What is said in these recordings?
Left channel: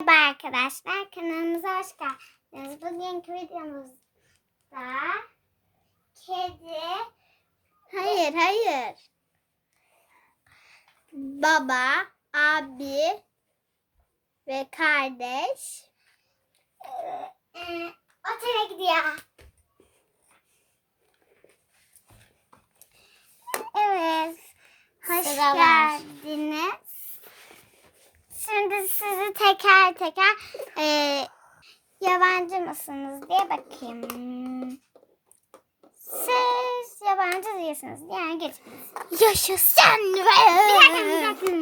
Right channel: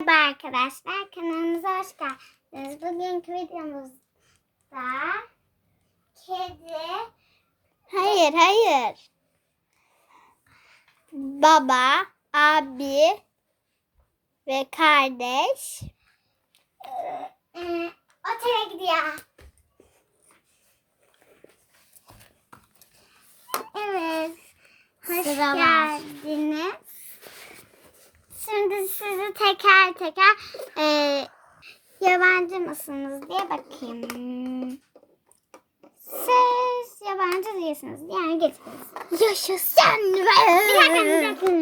Merhaba arkadaşlar, kanalımıza hoş geldiniz. Bugünkü videomuzda kedi... Hayır, hayır. Baba, abi ve kardeş ee, otele gidiyor. Evet. Hoş Sıra var. geldiniz. Şimdi sizi teker teker e, yabancı mısınız diye bakayım. Siz yabancı değilsiniz. Yani geçiniz. Yaşasın. Bir dakika bir dakika.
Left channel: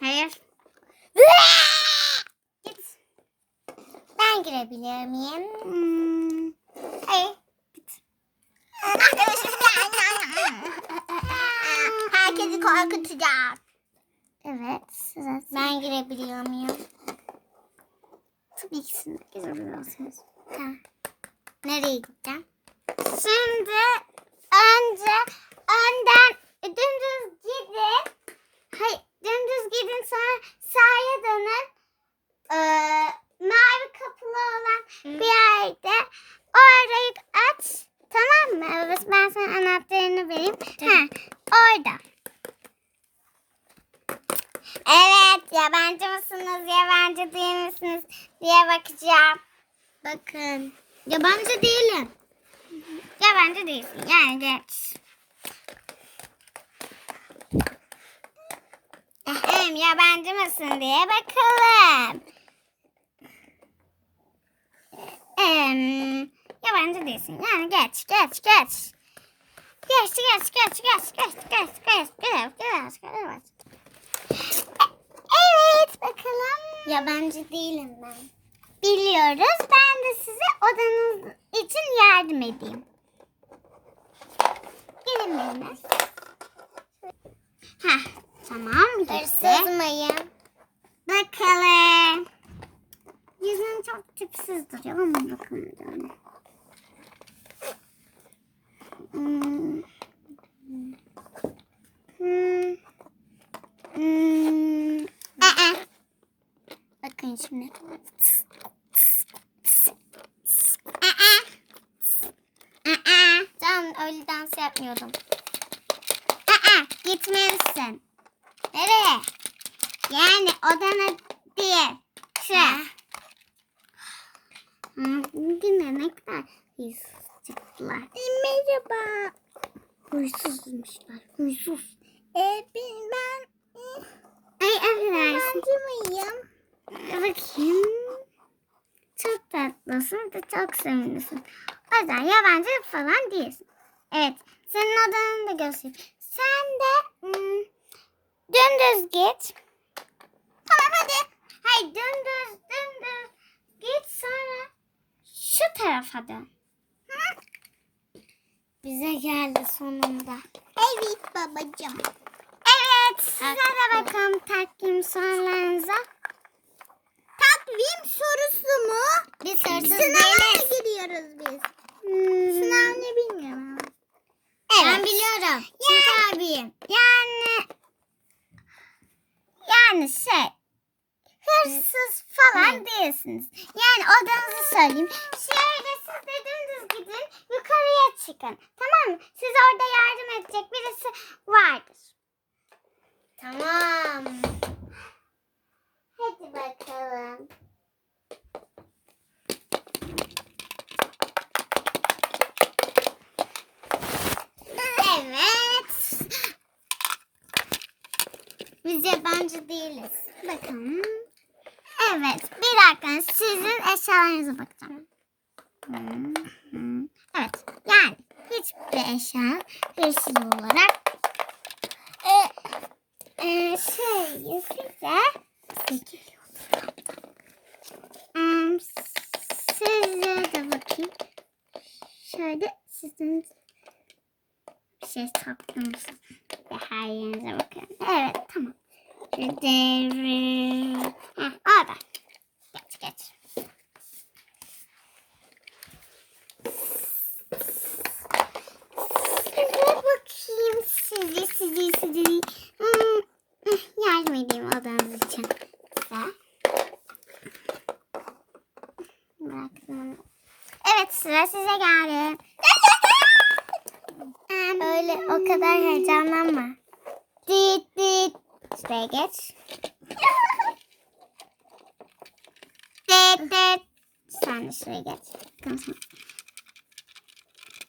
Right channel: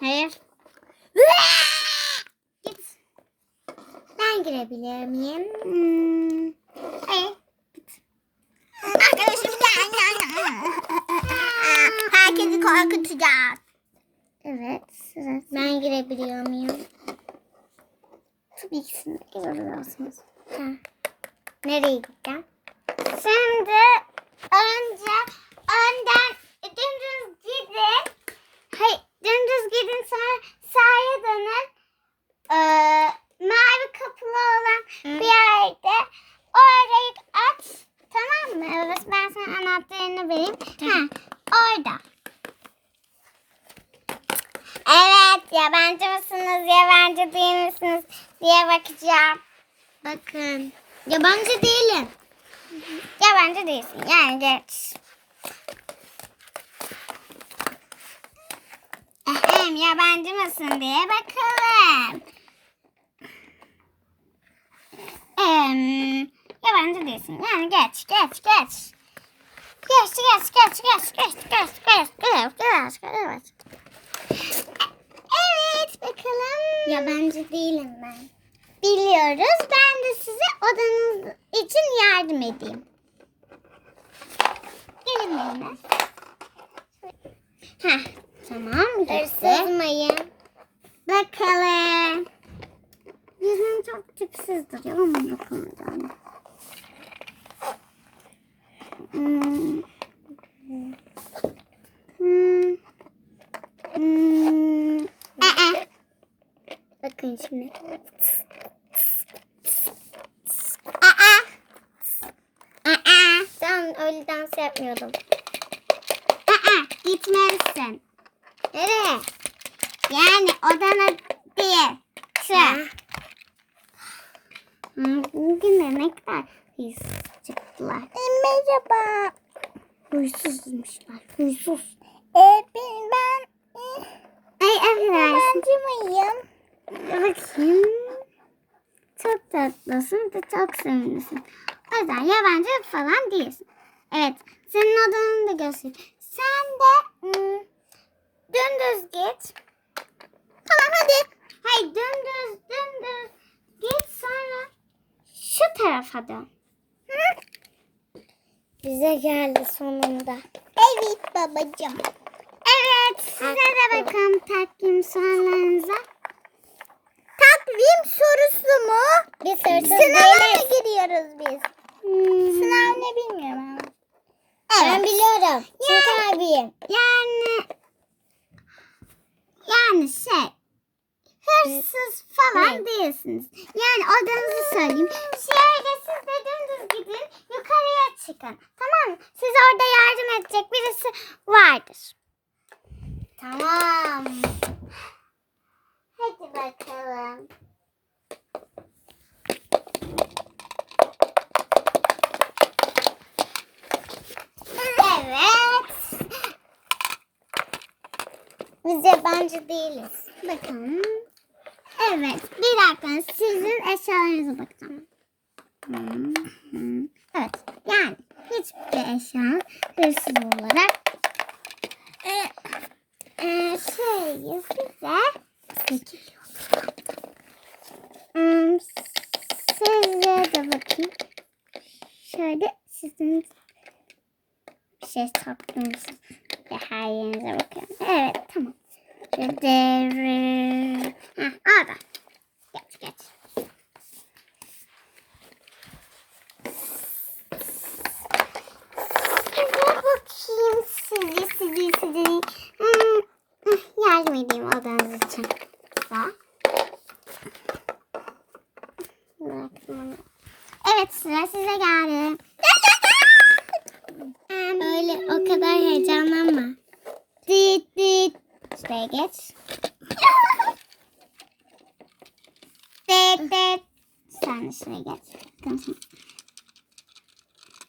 Hayır. Git. Ben girebilir miyim? Hmm. Hayır. Herkesi korkutacağız. Evet. Girebiliyor muyum? Tabii ki siz. Ha. Nereye gideceğim? Şimdi önce önden dümdüz gidin. Hayır, dümdüz gidin sonra sağa dönün. Ee, mavi kapılı olan bir yerde orayı aç. Tamam mı? Evet, ben sana anahtarını vereyim. Ha, orada. Evet, yabancı mısınız, yabancı değil misiniz diye bakacağım. Bakın, yabancı değilim. Yabancı değilsin, yani geç. Hem yabancı mısın diye bakalım. Em, yabancı değilsin, yani geç, geç, geç. Geç, geç, geç, geç, geç, geç, geç, geç, geç, geç. Bakalım. Yabancı değilim ben. Biliyoruz. Ben de size odanız için yardım edeyim. Gelin benimle. Heh, tamam gitti. Bakalım. Yüzün çok tipsiz duruyor ama bakalım. Hmm. Hmm. Aa. Bakın şimdi. Aa. Aa. Sen öyle dans yapmıyordum. Aa. Gitmelisin. Nereye? Yani odana değil. Şu. Bugün ne kadar huysuz çıktılar. Merhaba. Huysuzmuşlar. Huysuz. Ee, ben, ben Ay affedersin. yabancı mıyım? Bakayım. Çok tatlısın ve çok sevimlisin. O yüzden yabancı falan değilsin. Evet. Senin odanı da göstereyim. Sen de hmm, dümdüz git. Tamam hadi. Hayır dümdüz dümdüz git sonra şu tarafa dön. Hı? Bize geldi sonunda. Evet babacığım. Evet size de bakın takvim sorularınıza. Takvim sorusu mu? Biz hırsız Sınava değiliz. mı giriyoruz biz? Hmm. Sınav ne bilmiyorum ama. Ben biliyorum. Çünkü abiyim. Yani yani şey hırsız falan Ne? değilsiniz. Yani odanızı söyleyeyim. Şöyle siz de dümdüz gidin yukarıya çıkın. Tamam mı? Siz orada yardım edecek birisi vardır. Tamam. Hadi bakalım. Evet. Biz yabancı değiliz. Bakın. Evet. Bir dakika. Sizin eşyalarınıza bakacağım. Evet. Yani hiçbir eşya hırsız olarak e, e, şey size. Hmm, size de bakayım. Şöyle sizin bir şey saklıyorsunuz. Bakın her yerinize bakın. Evet tamam. Şöyle devre. Ha orada. Geç geç. Hadi bakayım sizi sizi sizi. Hmm, hmm, yardım edeyim odanız için. Daha. Evet sıra size geldi. Öyle o kadar heyecan şuraya geç. Det det. Sen de şuraya geç.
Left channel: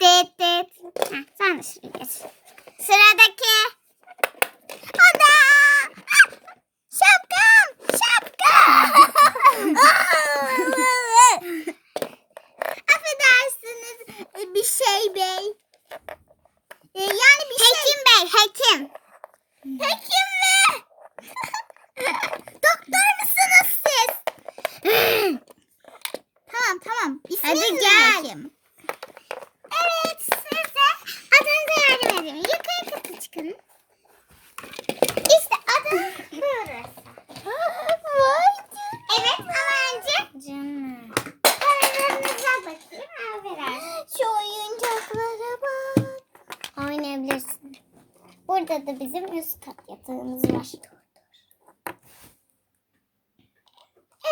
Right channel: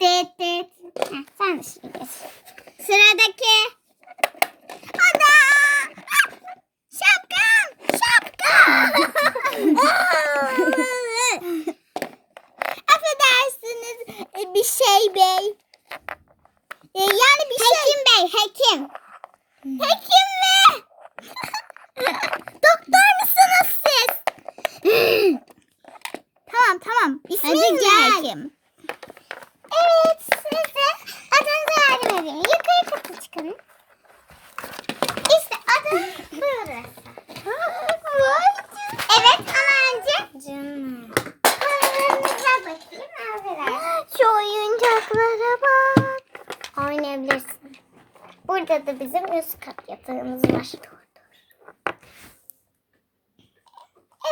Det det. Heh, sen de şuraya geç. Sıradaki. Ana! Şapkam! Şapkam! Affedersiniz e, bir şey bey. E, Yani bir Hekim bey, hekim. Hekim mi? Doktor musunuz siz? tamam tamam. İsminiz Hadi ne gel. hekim? Evet size adınıza yardım edeyim. Yukarı kata çıkın. İşte adınız burası. Evet Alancı. Canım. Oyunlarınıza bakayım. Affedersin. Şu oyuncaklara bak. Oynayabilirsin. Burada da bizim üst kat yatağımız var.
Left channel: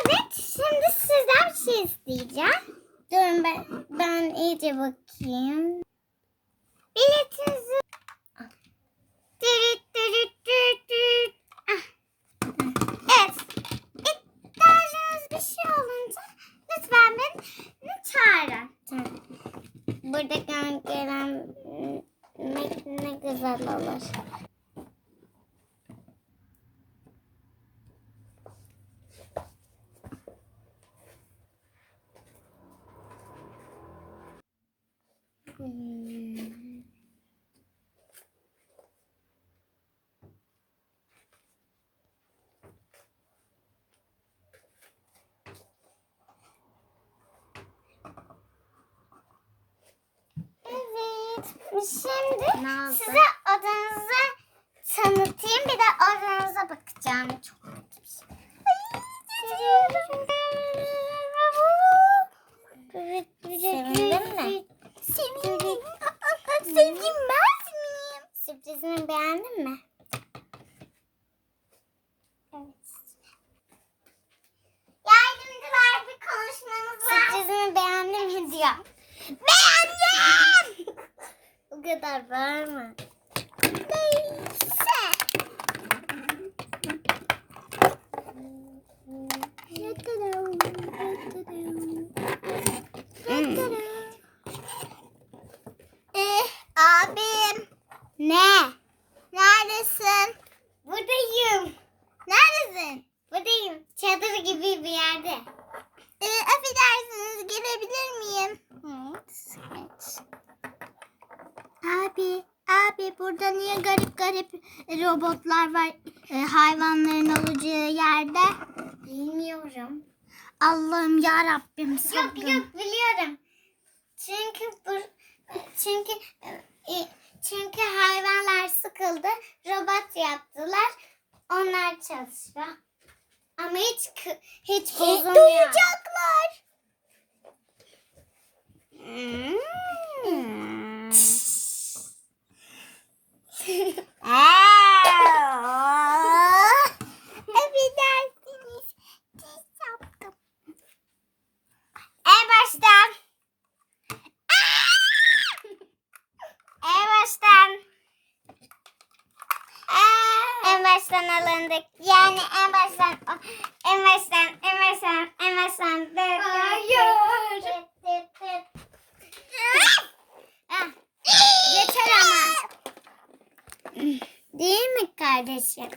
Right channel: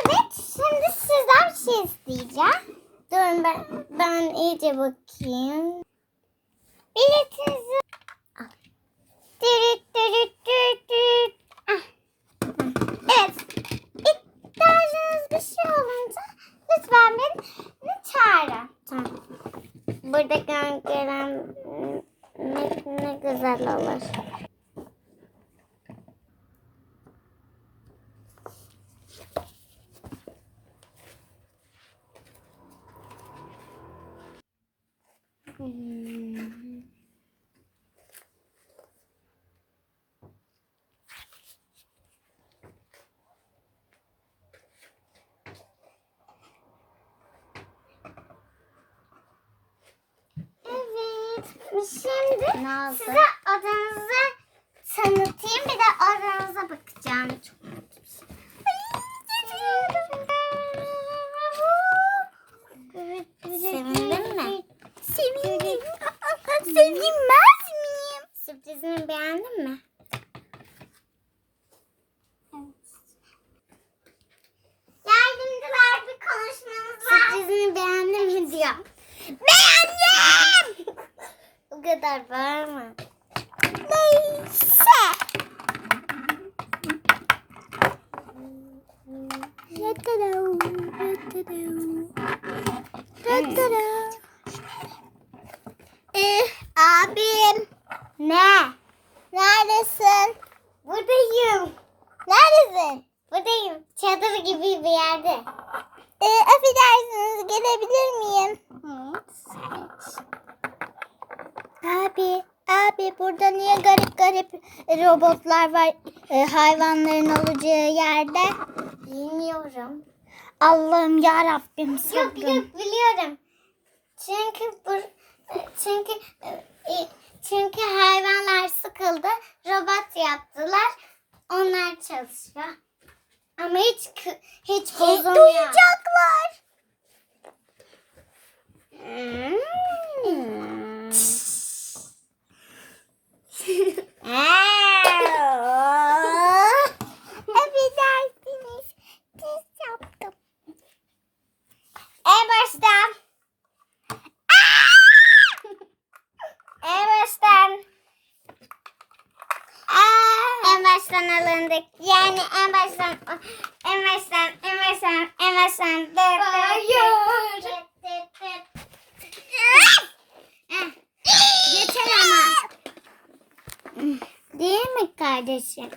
Evet, şimdi sizden bir şey isteyeceğim. Durun ben, ben iyice bakayım. Biletinizi al. Dürüt dürüt dürüt dürüt. Ah. Evet, ihtiyacınız bir şey olunca lütfen beni çağırın. Tamam. Burada gelen ne, ne güzel olur. Hmm. Evet. Şimdi size odanızı tanıtayım. Bir de odanıza bakacağım. Çok kötü bir şey. Sevindin mi? Sevindim. Sevinmez miyim? Sürprizimi beğendin mi? Evet. Yardımcılar bir konuşmamız var. Sürprizimi beğendin mi diyor. Beğendim. Kadar bağırma. Neyse. Ee, Abi, abi burada niye garip garip robotlar var e, hayvanların olacağı yerde? Bilmiyorum. Allah'ım ya Rabbim Yok yok biliyorum. Çünkü bu çünkü e, çünkü hayvanlar sıkıldı. Robot yaptılar. Onlar çalışıyor. Ama hiç kı- hiç bozulmuyor. Duyacaklar. Hmm. Ah! Mi